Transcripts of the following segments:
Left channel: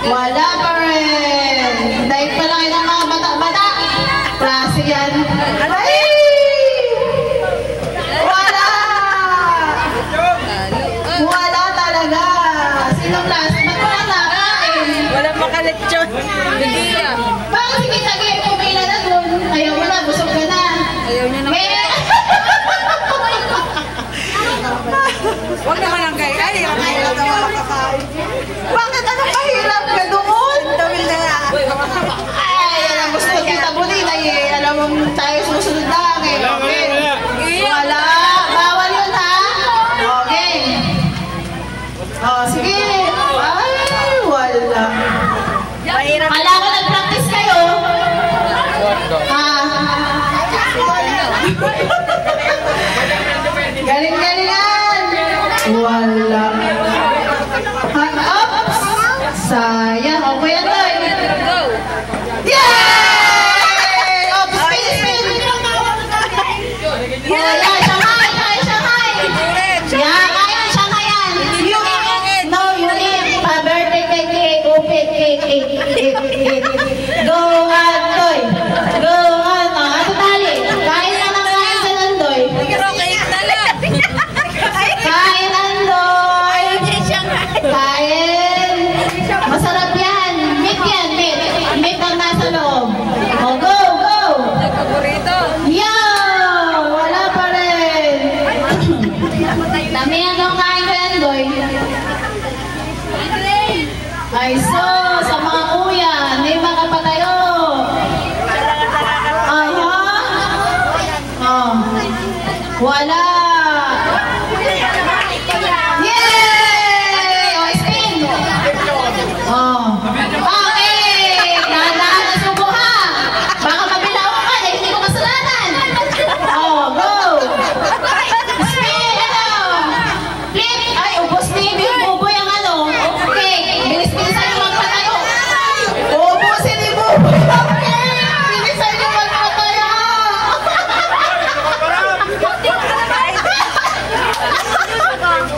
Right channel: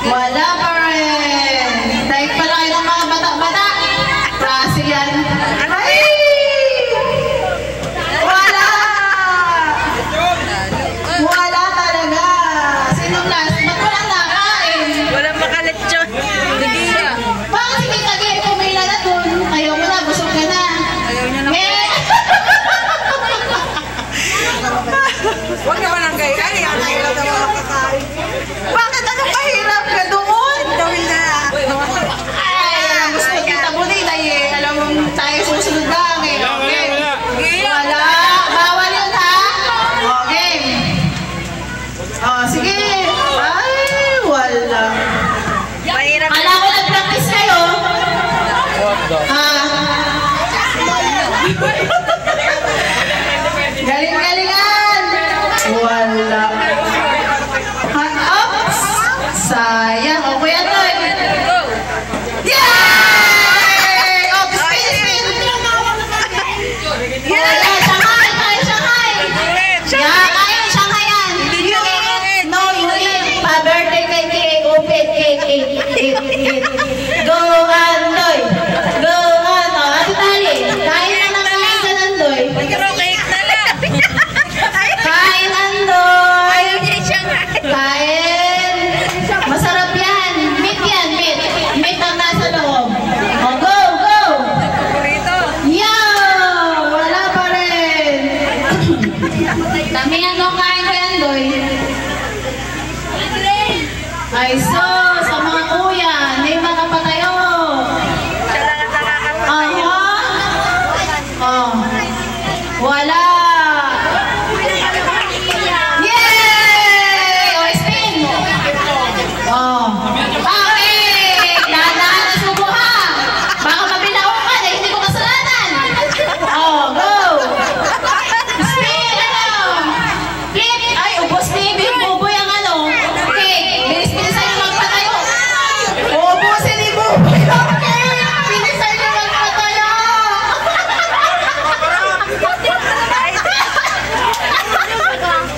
Wala pa rin. Dahil pala kayo ng mga bata-bata. Klase yan. Ay! Wala! Wala talaga. Sinong last? Ba't walang nakain? Walang makaletsyon. Bakit sige tagi? Pumila na dun. Ayaw mo na. Busog ka na. Ayaw niya na. Huwag naman ang gaya. Bakit anong mahirap ka doon? Ay, alam mo sa kita bunin ay alam mo tayo susunod lang eh. Okay. Wala. Bawal yun ha. Okay. Oh, sige. Ay, wala. Kala ko nag-practice kayo. Galing-galingan. Wala. Oops! Sayang. O, Kuya Toy. Yay! Oh, spin! Wala. Shanghai! Kaya Shanghai! Yeah, kaya Shanghai yan. You eat. No, you eat. Pa-birthday kay cake. Open cake. Eat. Go, Andoy. Go, Andoy. Ano tali? Kain na ng kain sa Andoy. Kain, Andoy. Kain. Masarap yan. Meat yan, meat. Meat ang nasa loob. Oh, go! Yeah! Wala pa rin. Damihan daw kain ko yan, boy. Ay, so, sa mga kuya, hindi makapatayo. Oh. Wala. Yay! Oh, spin. Oh. Okay. Dahan-dahan ang subo ha. Baka mabilaw ka, dahil hindi ko kasalanan. Oh, go. Spin, ano? Flip. Ay, ubos ni Big Buboy ang ano. Okay, bilis-bilisan yung magpatayo. Ubusin ni Buboy. Okay, bilisan yung magpatayo.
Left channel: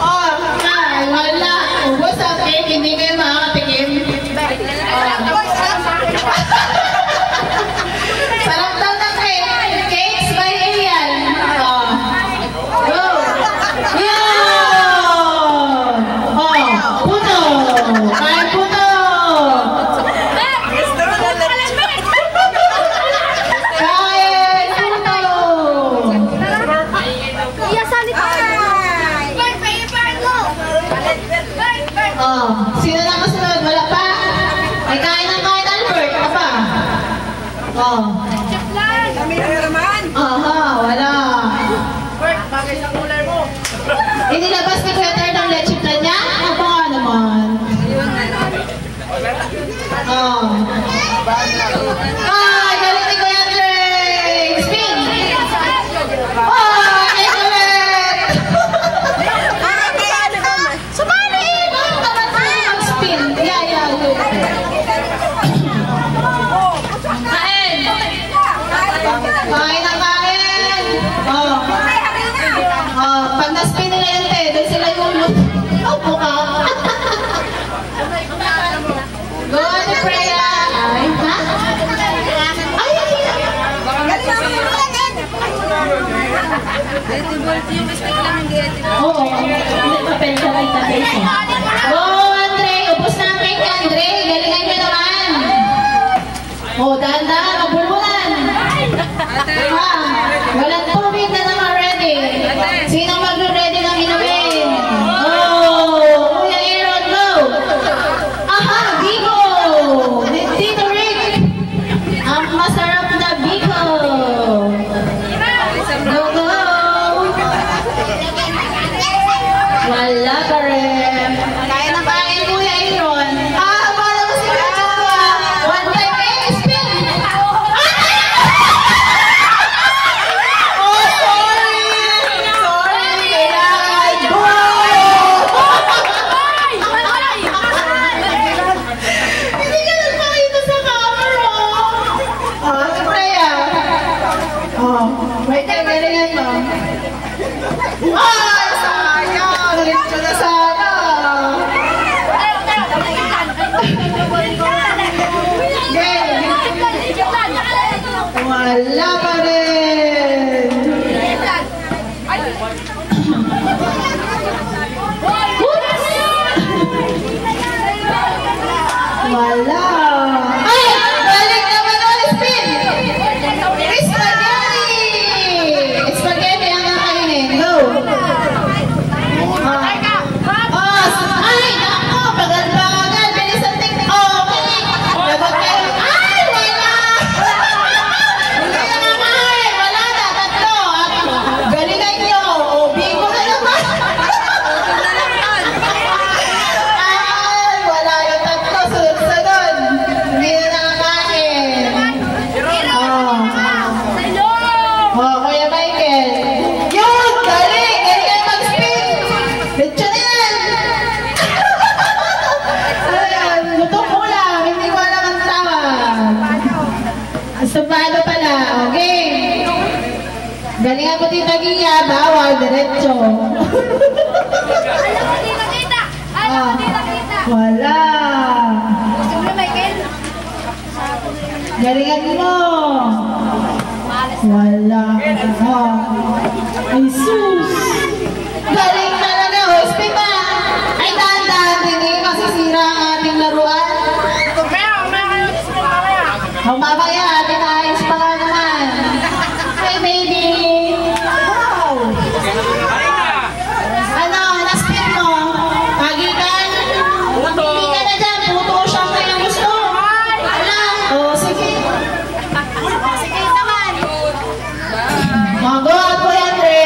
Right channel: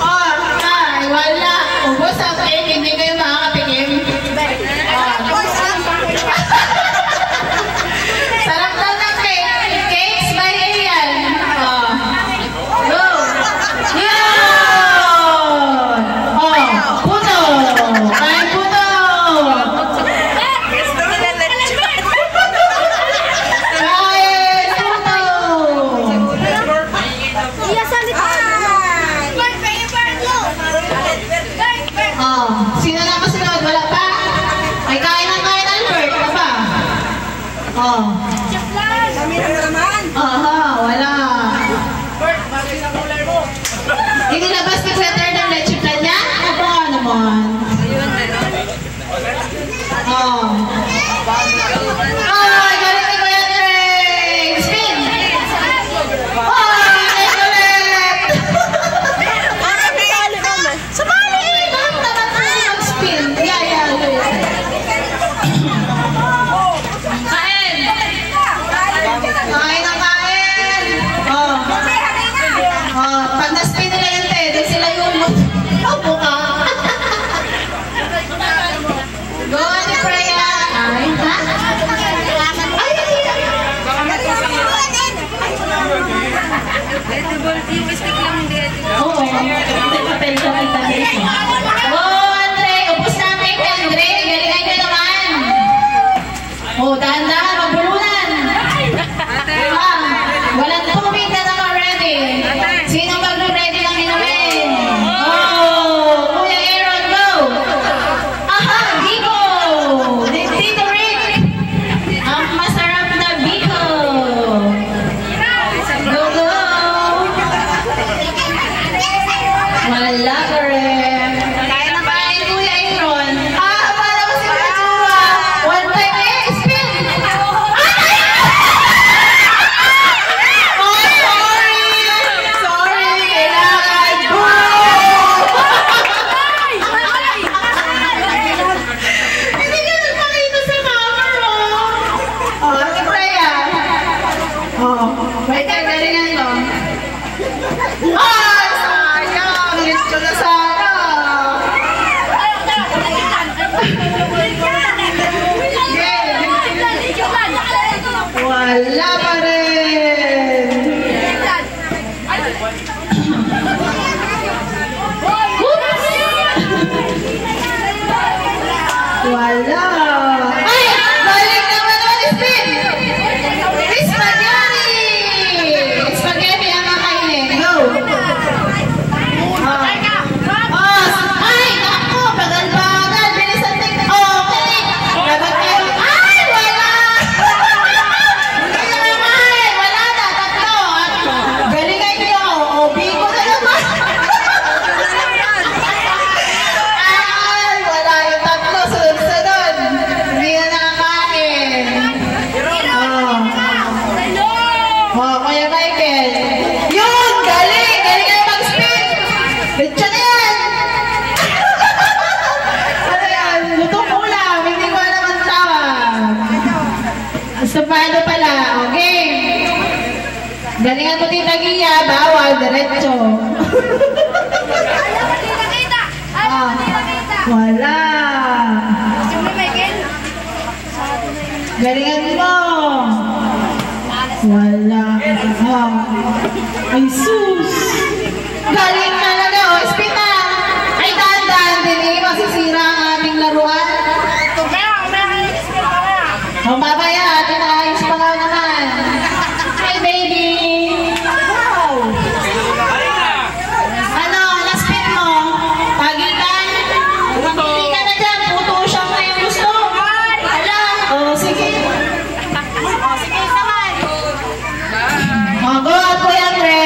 Oh, ay, wala. Ubos ang cake, hindi kayo makakatikim. Sarap daw ng cake. Cakes by Ian. Oh. Go. Yun. Oh, puto. Kain puto. Kain puto. Oh, sino na masunod? Wala pa? Ay, kain Albert. Ano pa? Oh. Aha, wala. Inilabas ni Peter ng leche plan niya? Ano nga naman? Oh. Ay, galing ni Kuya Trey. Spin. Oh, excellent. Sabali eh. Bakit naman tayo mag-spin? Yeah. Kain. Kain ang kain. Oh. Oh, pag-spin nila yun eh. Doon sila yung buka. Go on, Freya. Ay, ha? Ay. Oo, hindi papel ko ay tapos. Oh, Andre. Upos na ang cake, Andre. Galingan ka naman. Oh, dahan-dahan. Mabulunan. Walang tubig na naka-ready. Sino mag-ready ng inumin? Oh, Kuya Aaron, go! Aha, Biko! Tito Rick! Ang masarap na Biko! Go! Wala pa rin. Kaya na ba? Wala. Ay! Balik naman ang spin! Spaghetti! Spaghetti ang kakainin. Go! Ay! Naku! Bagal-bagal! Bilisan din! Okay! Lagot kayo! Ay! Wala! Hindi na naman! Wala na! Tatlo! Galingan nyo! O, bigo na naman! Ay! Wala yung tatlo! Sunod-sunod! Hindi na nakakain! Oh, Kuya Michael! Yun! Galing! Galing kayo mag-spin! Bitsa na yan! Ayan, lutong ulam! Hindi ko alam ang tawag! Estupado pala! Okay! Galingan mo Tita Gia! Bawal! Diretso! Wala! Galingan mo! Wala! Ay sus! Galing talaga! O, spin na! Ay, dahan-dahan din eh! Masisira ang ating laruan! O, mamaya! Atin ayos pa nga naman! Hi, baby! Wow! Ano? Na-spin mo? Pagitan? Hindi ka na dyan! Puto siya ngayong gusto! Ala! O, sige! O, go at Kuya Andre!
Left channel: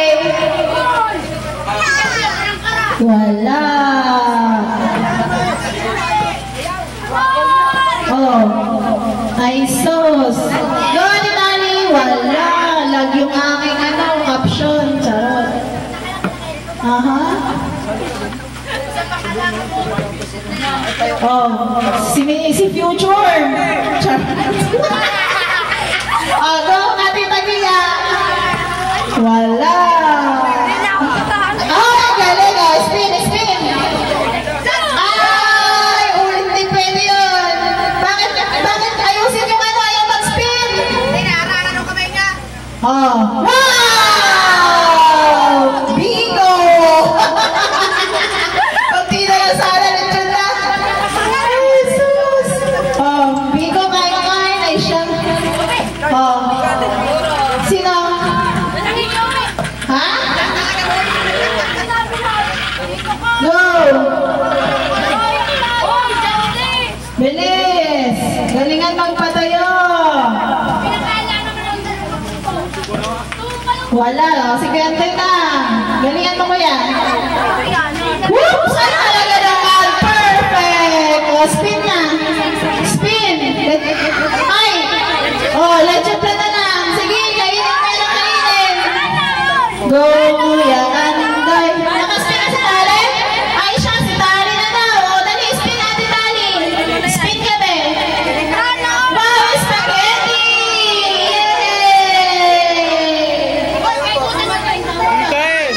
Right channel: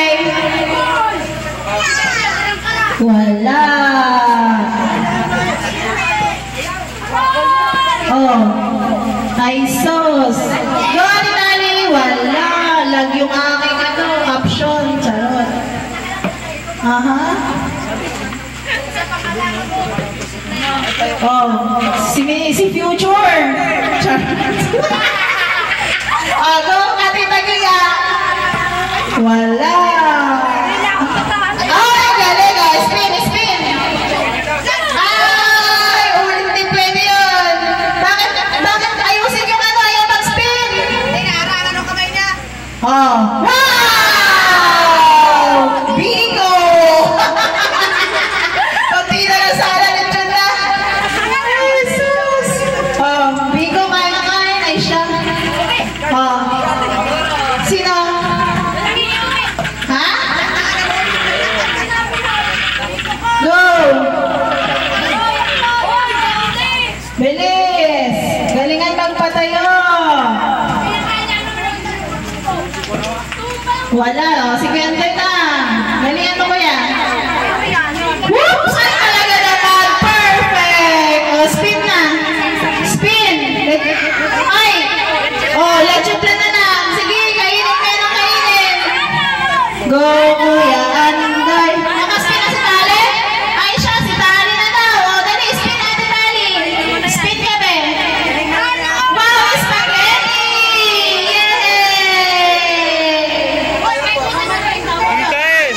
Wala! Oh! Ay sus! Go at Itali! Wala! Lag yung aking caption. Charot! Aha! Oh! Si Future! Charot! Oh, go at Italia! Wala! Ay, galing! Oh, spin! Spin! Ay! Ulit din pwede yun! Bakit ayusin yung ano? Ayaw mag-spin! Oh! Wow! Bingo! Pagdi na lang sana lechon na! Jesus! Oh, bingo kain ay siya. Oh. Sino? Ha? Go! Bilis! Galingan magpatayo! Wala, no? Si Quentin na! Galingan mo ko yan! Whoops! Ay, talaga naman! Perfect! O, spin na! Spin! Ay! Oh, lechon na lang! Sige, kainin ka ng kainin! Go, Kuya Anday! Nakaspin na si Tali? Ay, siya, si Tali na daw! O, dali, spin natin, Tali! Spin ka, be! Wow, spaghetti! Yay!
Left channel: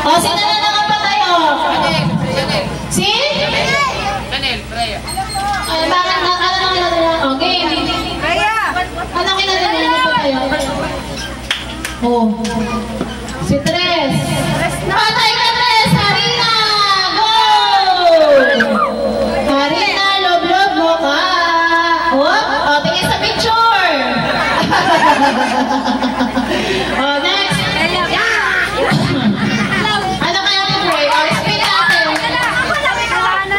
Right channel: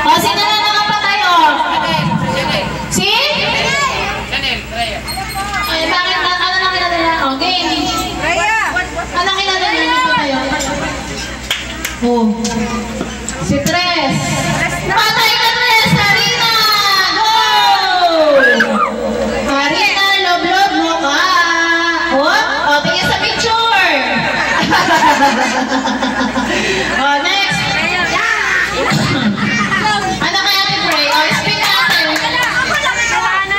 O, sino na nakapatayo? Si? Ay, bakit? Ano lang kinadala? O, game! Ano kinadala niyo pa tayo? Oh. Si Tres. Patay ka, Tres! Harina! Go! Harina, love mo ka. Oh, tingin sa picture. Oh, next. Ano kaya ni Bray? Oh, spin natin. Go!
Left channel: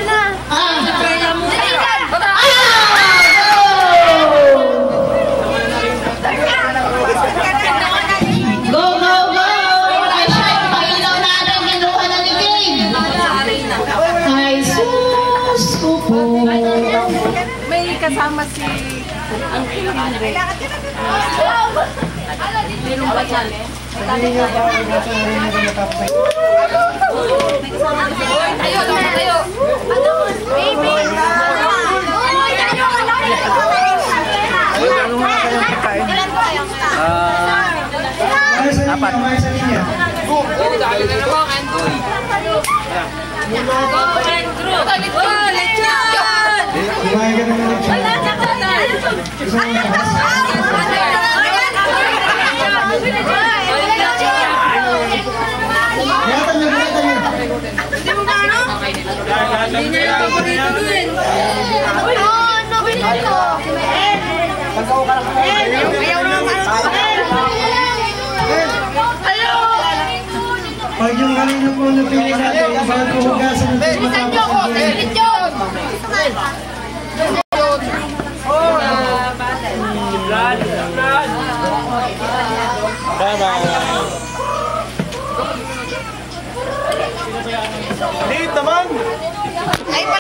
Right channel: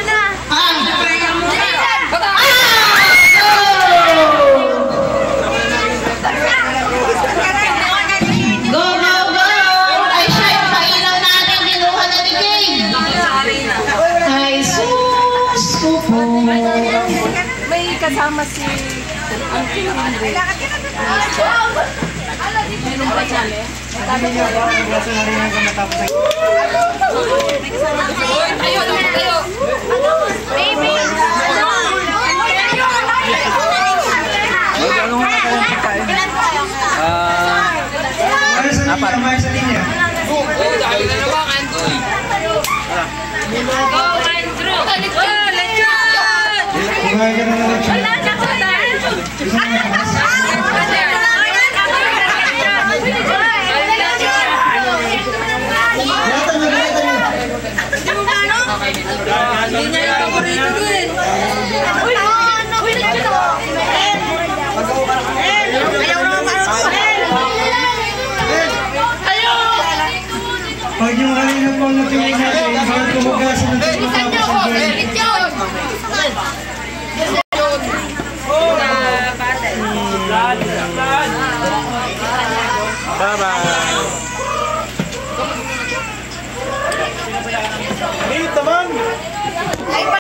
Go, go, go! Ay, siya, yung pailaw natin, ginuha na ni Kane. Ay, sus! Kupo. May kasama si... Tayo! Baby! Dahil na naman, Andoy. Kumain ka na ng lechon. Gusto mo mataas? Bilatan nyo. Hindi mo ba ano? Hindi na yung paborito din. Bye-bye. Dito man.